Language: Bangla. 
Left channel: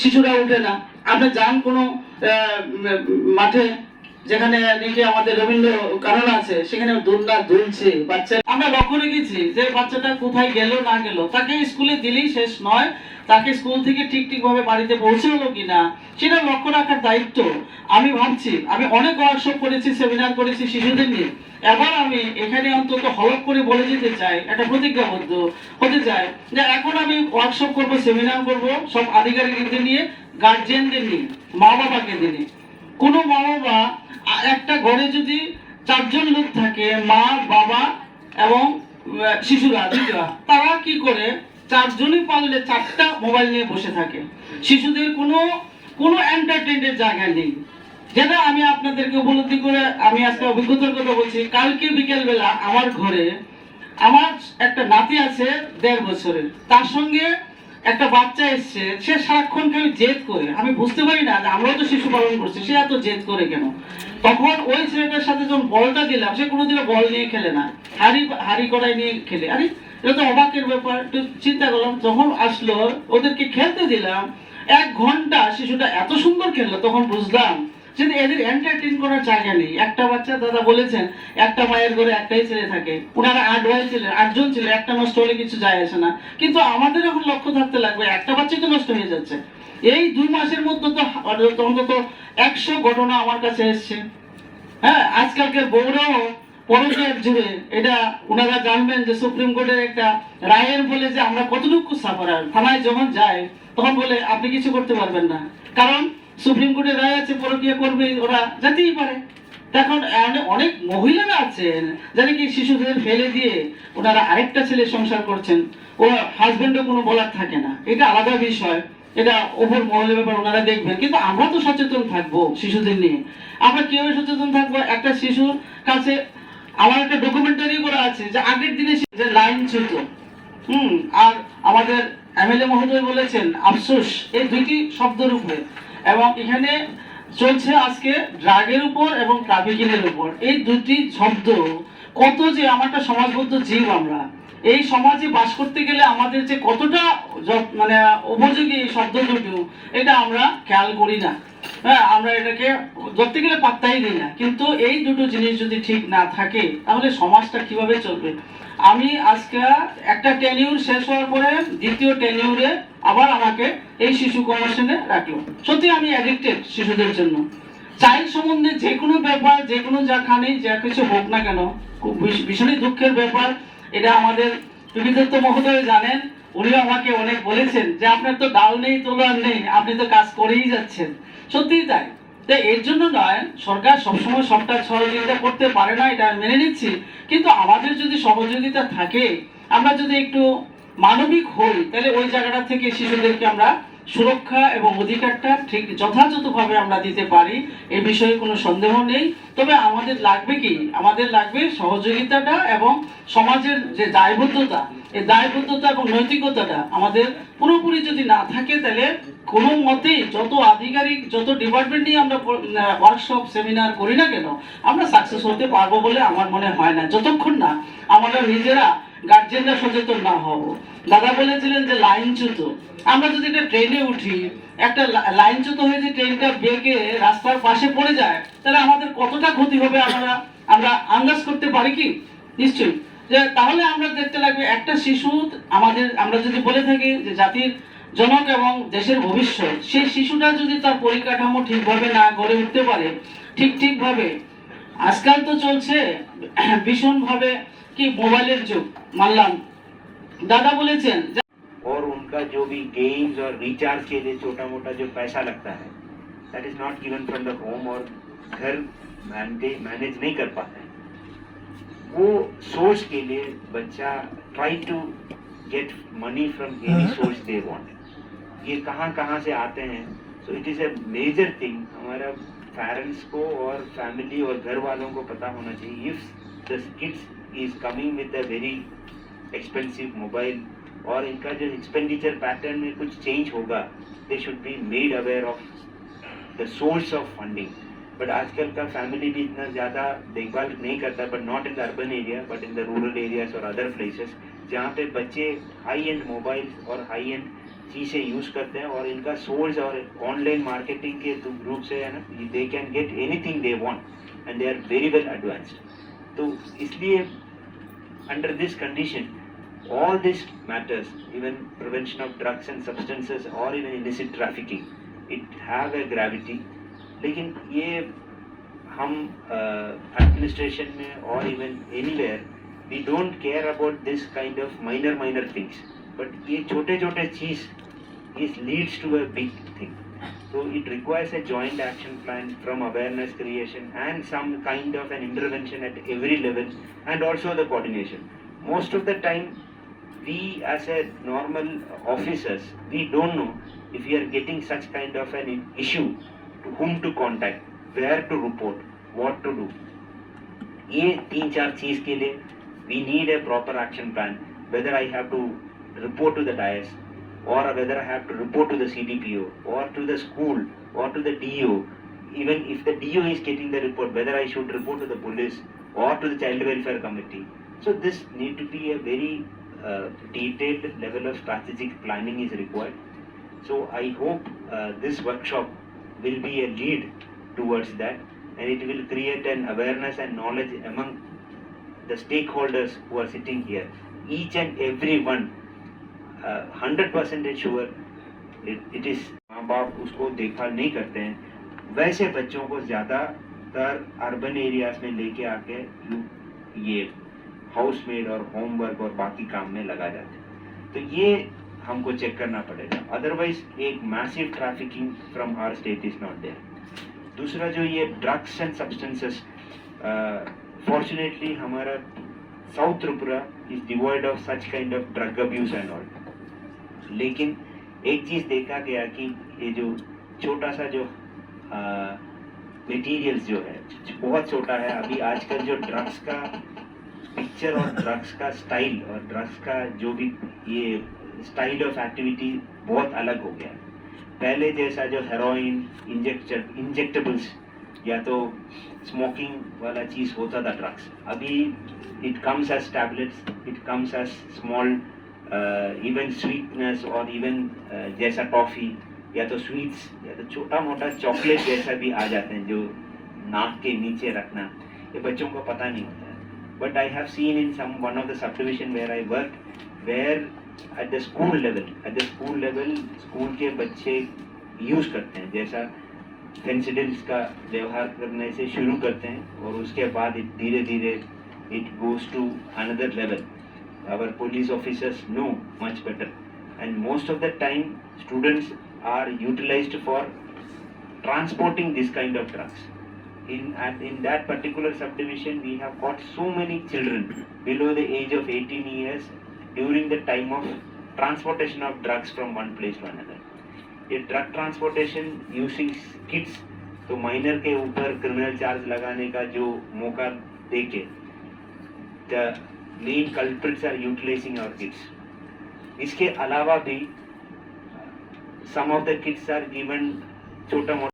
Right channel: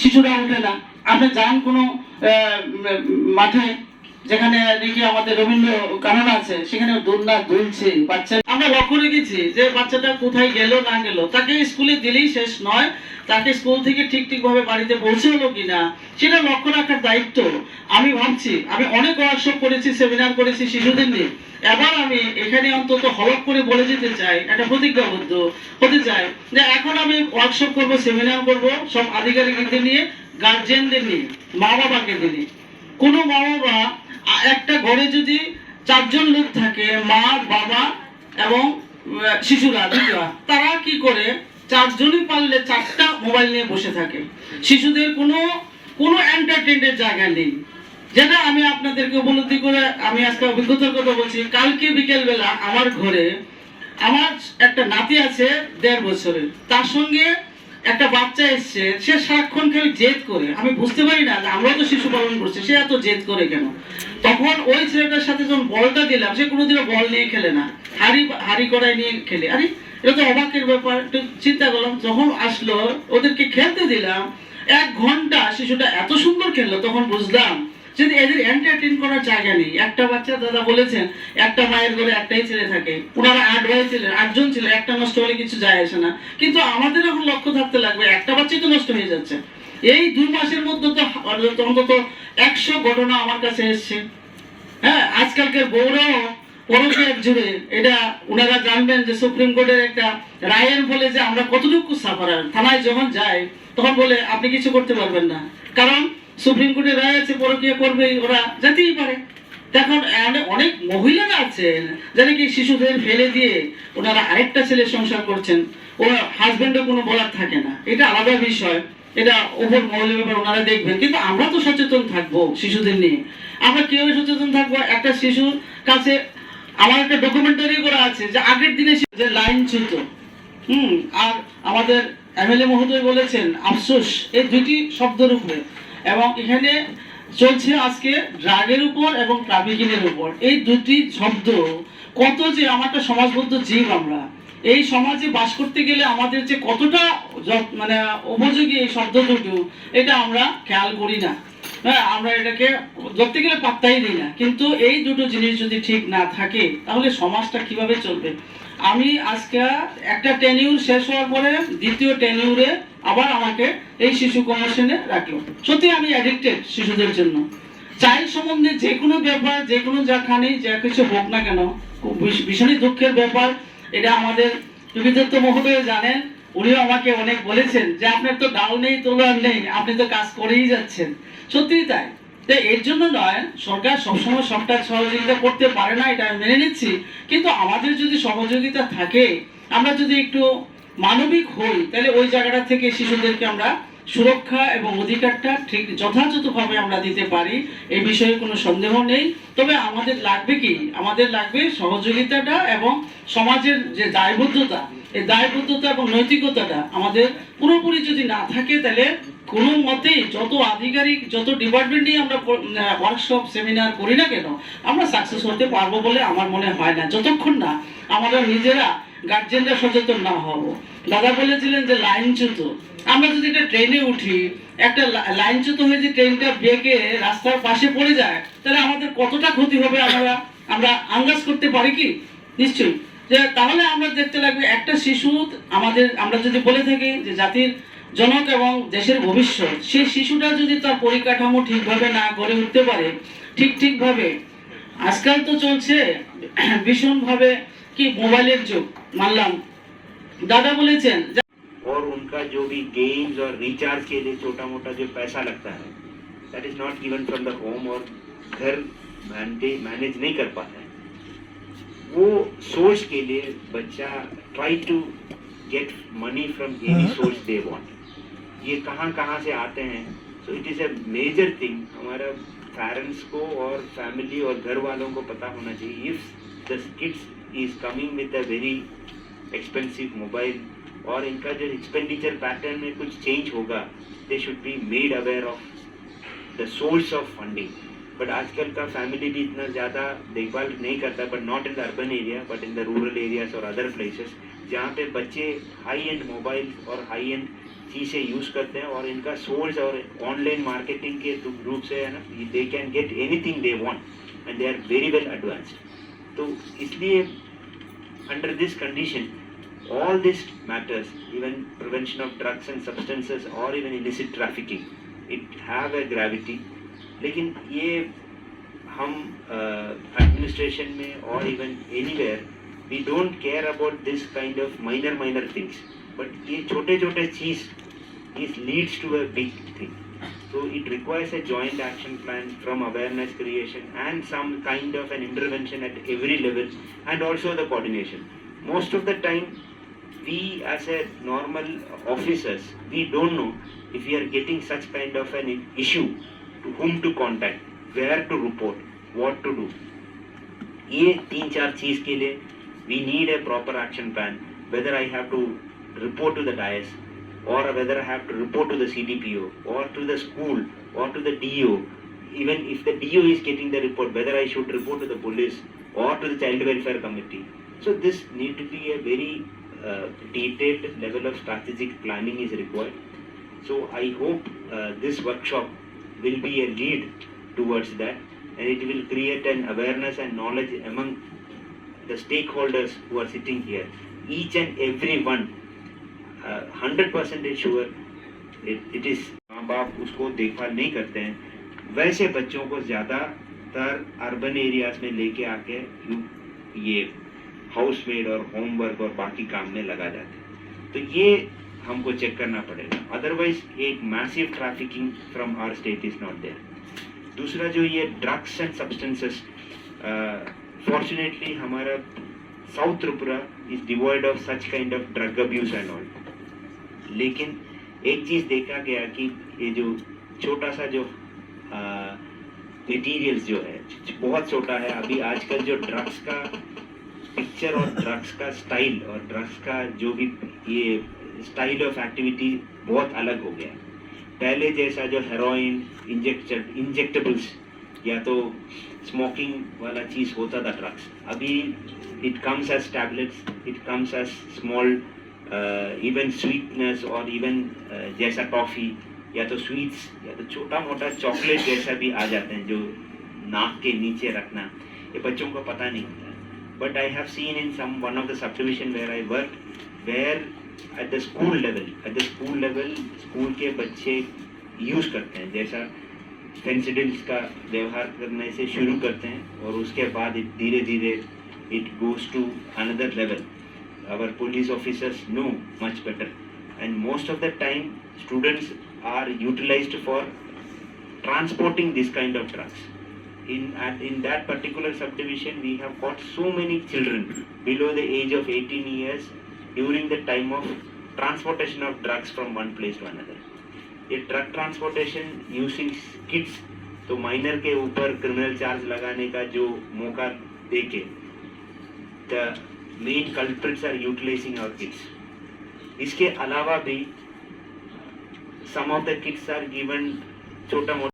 শিশুরা উঠে না। আপনি যান কোনো মাঠে যেখানে নাকি আমাদের রবীন্দ্র কানন আছে, সেখানে দোলনা দুলছে বাচ্চা। আমরা লক্ষ্য রেখেছি যে বাচ্চাটা কোথায় গেল না গেল, তাকে স্কুলে দিলেই শেষ নয়, তাকে স্কুল থেকে ঠিক ভাবে বাড়িতে পৌঁছে হলো কিনা সেটা লক্ষ্য রাখার দায়িত্ব। আমি ভাবছি, আমি অনেক ওয়ার্কশপ করেছি, সেমিনার করেছি শিশুদের নিয়ে। এবার আমি এখানে অন্তত হলক করে বলে যেতে চাই, একটা প্রতিজ্ঞাবদ্ধ হতে চাই যে এখন আমি ওয়ার্কশপ করব, সেমিনার করব সব আধিকারিকদের নিয়ে, গার্জেনদের নিয়ে, মা বাবাকে নিয়ে। কোনো মা বাবা একটা ঘরে যদি 4 জন লোক থাকে, মা বাবা এবং শিশুরা দুইটা, তারা কি করে 4 জনই পারলে 4টা মোবাইল নিয়ে বসে থাকে। শিশুদের কোনো এন্টারটেইনমেন্টের জায়গা নেই। যেটা আমি আপনাদেরকে উপলব্ধি করে আমি আজকে অভিজ্ঞতার কথা বলছি। কালকে বিকেল বেলা আমার ঘরে আমার একটা নাতি আছে 1.5 বছরের, তার সঙ্গে একটা বাচ্চা এসছে, সে সারাক্ষণ খালি জেদ করে। আমি বুঝতে পারি না যে আমরাও তো শিশু পালন করছি, সে এত জেদ করে কেন। তখন ওই ছেলেটার সাথে যখন বলটা দিলাম, সে কোনোদিনও বল নিয়ে খেলে না, হাড়ি কড়াই নিয়ে খেলে। আরে এটা তো অবাকের ব্যাপার। একটু চিন্তা করলাম, যখন আসলো ওদেরকে খেলতে দিলাম, 1 ঘন্টা শিশুটা এত সুন্দর খেললো। তখন বুঝলাম যদি এদের এন্টারটেইন করার জায়গা নেই। একটা বাচ্চা, দাদা বলেছেন, একটা মায়ের ঘরে একটাই ছেলে থাকে, ওনারা 8 ভাই ছিলেন, 8 জন ছিল, একটা নষ্ট হলে কিছু যায় আসে না। কিন্তু আমাদের এখন লক্ষ্য থাকতে লাগবে, একটা বাচ্চাই তো নষ্ট হয়ে যাচ্ছে। এই 2 মাসের মধ্যে তো অন্তত 100 ঘটনা আমার কাছে এসছে। হ্যাঁ, আজকালকার বউরাও পরকীয়ার জুড়ে, এটা ওনারা জানবেন যে সুপ্রিম কোর্টের একটা রায়ের বলে যে আমরা কতটুকু সাফারার। থানায় যখন যায় তখন বলে আপনি কিছু করতে পারবেন না, কারণ সুপ্রিম কোর্টের রায় আছে, পরকীয়া করবে, ওরা যেতেই পারে। এখন অনেক মহিলারা আছেন যারা কি শিশুদের ফেলে দিয়ে ওনারা আরেকটা ছেলে সংসার করছেন, ও হাজবেন্ডও কোনো বলার থাকে না। এটা আলাদা বিষয়, এটা ওপর মহলের ব্যাপার, ওনারা দেখবেন। কিন্তু আমরা তো সচেতন থাকবো শিশুদের নিয়ে। আমরা কিভাবে সচেতন থাকবো? একটা শিশুর কাছে আমার একটা ডকুমেন্টারি করা আছে যে আগের দিনে যে লাইন চ্যুত, আর আমাদের এমএলএ মহোদয় বলেছেন আফসোস, এই 2টি শব্দের উপরে। এবং এখানে চলছে আজকে ড্রাগের উপর এবং ট্রাফিকিংয়ের উপর। এই 2টি শব্দ কত যে আমারটা সমাজবদ্ধ জীব, আমরা এই সমাজে বাস করতে গেলে আমাদের যে কতটা মানে উপযোগী এই শব্দ দুটো, এটা আমরা খেয়াল করি না। হ্যাঁ, আমরা এটাকে ধরতে গেলে পাত্তাই দিই না। কিন্তু এই দুটো জিনিস যদি ঠিক না থাকে তাহলে সমাজটা কিভাবে চলবে? আমি আজকে একটা টেনিউর শেষ হওয়ার পরে দ্বিতীয় টেনিউরে আবার আমাকে এই শিশু কমিশনে রাখলো। সত্যি আমি অ্যাডিক্টেড শিশুদের জন্য। চাইল্ড সম্বন্ধে যে কোনো ব্যাপার, যে কোনো যাখানি যা কিছু হোক না কেন, ভীষণই দুঃখের ব্যাপার। এটা আমাদের বিবিধত্ব মহোদয় জানেন, উনিও আমাকে অনেক বলেছেন যে আপনার তো ডাল নেই তোলার নেই, আপনি তো কাজ করেই যাচ্ছেন। সত্যিই তাই। এর জন্য নয়, সরকার সবসময় সবটা সহযোগিতা করতে পারে না, এটা মেনে নিচ্ছি। কিন্তু আমাদের যদি সহযোগিতা থাকে, আমরা যদি একটু মানবিক হই, তাহলে ওই জায়গাটা থেকে শিশুদেরকে আমরা সুরক্ষা এবং অধিকারটা ঠিক যথাযথভাবে আমরা দিতে পারি, এই বিষয়ে কোনো সন্দেহ নেই। তবে আমাদের লাগবে কি? আমাদের লাগবে সহযোগিতাটা এবং সমাজের যে দায়বদ্ধতা, এই দায়বদ্ধতা এবং নৈতিকতাটা আমাদের পুরোপুরি যদি না থাকে, তাহলে কোনো মতেই যত আধিকারিক, যত ডিপার্টমেন্ট নিয়ে আমরা ওয়ার্কশপ সেমিনার করি না কেন, আমরা সাকসেস হতে পারবো বলে আমার মনে হয় না, যতক্ষণ না আমরা নিজেরা গার্জেনরা সচেতন না হব। দাদা বলেছিলেন যে লাইনচ্যুত, আমরা যদি একটা ট্রেনে উঠি, একটা লাইনচ্যুত হয়ে যে ট্রেনটা বেঁকে রাস্তার পাশে পড়ে যায়, তাহলে আমাদের কতটা ক্ষতি হবে আমরা আন্দাজ করতে পারি কি? নিশ্চয়ই। যে তাহলে আমরা দেখতে লাগবে একটা শিশু আমাদের, আমরা যদি বলে থাকি যে জাতির জনক এবং দেশের ভবিষ্যৎ, সেই শিশুটা যদি তার পরিকাঠামো ঠিকভাবে না গড়ে উঠতে পারে, ঠিকভাবে, আজকাল তো চলছে ভীষণভাবে কি মোবাইলের যুগ, মানলাম। दादा बोलेছেন और उनका जो भी गेम्स और रिचार्ज के लिए छोटा मोटा जो पैसा लगता है, that is not given from the home, और घर मैनेज नहीं कर पाता है। वो सोर्स के लिए बच्चा try to get money from any source they want. ये कहाँ से आते हैं? So it is a major thing. हमारा पेरेंट्स को और फैमिली और घर वालों को पता होना चाहिए, if the kids is coming with a very expensive mobile और इनका जो एक्सपेंडिचर पैटर्न में कुछ चेंज होगा, they should be made aware of the source of funding. But आजकल का फैमिली भी इतना ज़्यादा देखभाल नहीं करता, but not in the urban area but in the rural areas और अदर प्लेसेस, जहाँ पे बच्चे हाई एंड मोबाइल और हाई एंड चीज़ें यूज़ करते हैं और इनका सोर्स और ऑनलाइन मार्केटिंग के रूप से है ना, they can get anything they want and they are very well advanced. तो इसलिए under this condition all this matters, even prevention of drugs and substances or even illicit trafficking, it have a gravity। लेकिन ये हम administration में और even anywhere we don't care about this kind of minor things, but ये छोटे छोटे चीज is leads to a big thing। So it requires a joint action plan from awareness creation and some kind of an intervention at every level and also the coordination। Most of the time we as a normal officers, we don't know if we are getting such kind of an issue, to whom to contact, where to report, what to do। ये 3-4 चीज के लिए we need a proper action plan, whether I have to report to the dais or whether I have to report to the CDPO or to the school or to the DO। Even if the DO is getting the report, whether I should report to the police or to the child welfare committee। So this need to be a very detailed level of strategic planning is required। So I hope this workshop will be a lead towards that, and it will create an awareness and knowledge among the stakeholders who are sitting here, each and every one 100% sure it is। माँ बाप उसको देखभाल नहीं करते हैं, वैसे बच्चों को ज़्यादातर अर्बन एरियाज में लेके आके ये हाउसमेड और होमवर्क और बाकी काम में लगा जाते हैं। तो ये हमको चेक करना पड़ेगा, अदरवाइज एक massive trafficking from our state is not there. दूसरा जो ये ड्रग्स एंड सब्सटेंसेस, फॉर्चुनेटली हमारा south Tripura is devoid of such kind of drug abuse and all. लेकिन एक चीज़ देखा गया कि ये जो छोटा सा जो मटीरियल्स जो है बहुत छोटा है। अभी आजकल जो ड्रग्स का पिक्चर और ड्रग्स का स्टाइल और ड्रग्स का जो भी ये स्टाइल ऑफ एक्टिविटी बहुत अलग हो गया। पहले जैसा जो हेरोइन इंजेक्टेबल्स या तो स्मोकिंग वाला चीज़ होता था ड्रग्स, अभी it comes as tablets, it comes as small even sweetness और इवन जैसा टॉफ़ी या तो स्वीट्स या तो छोटा मोटा चॉकलेट जैसा भी आ जाते हैं जो नाक के नीचे रखना, ये बच्चों को पता नहीं होता है। But I have seen in one of the subdivision where I worked, where at the school level school के बच्चे यूज़ करते हैं, जैसा फेंसिडिल्स का व्यवहार करने से शुरू करते हैं और उसके बाद धीरे धीरे it goes to another level। Our police officers know much better, and most of the time students are utilized for transporting this kind of drugs। In that particular subdivision we have got so many children below the age of 18 years during the time of transportation of drugs from one place to another। ये drug transportation using kids, तो माइनर के ऊपर क्रिमिनल चार्ज लगाने का जो मौका देके the main culprits are utilizing our kids। इसके अलावा भी some of the kids are given छोटा मोटा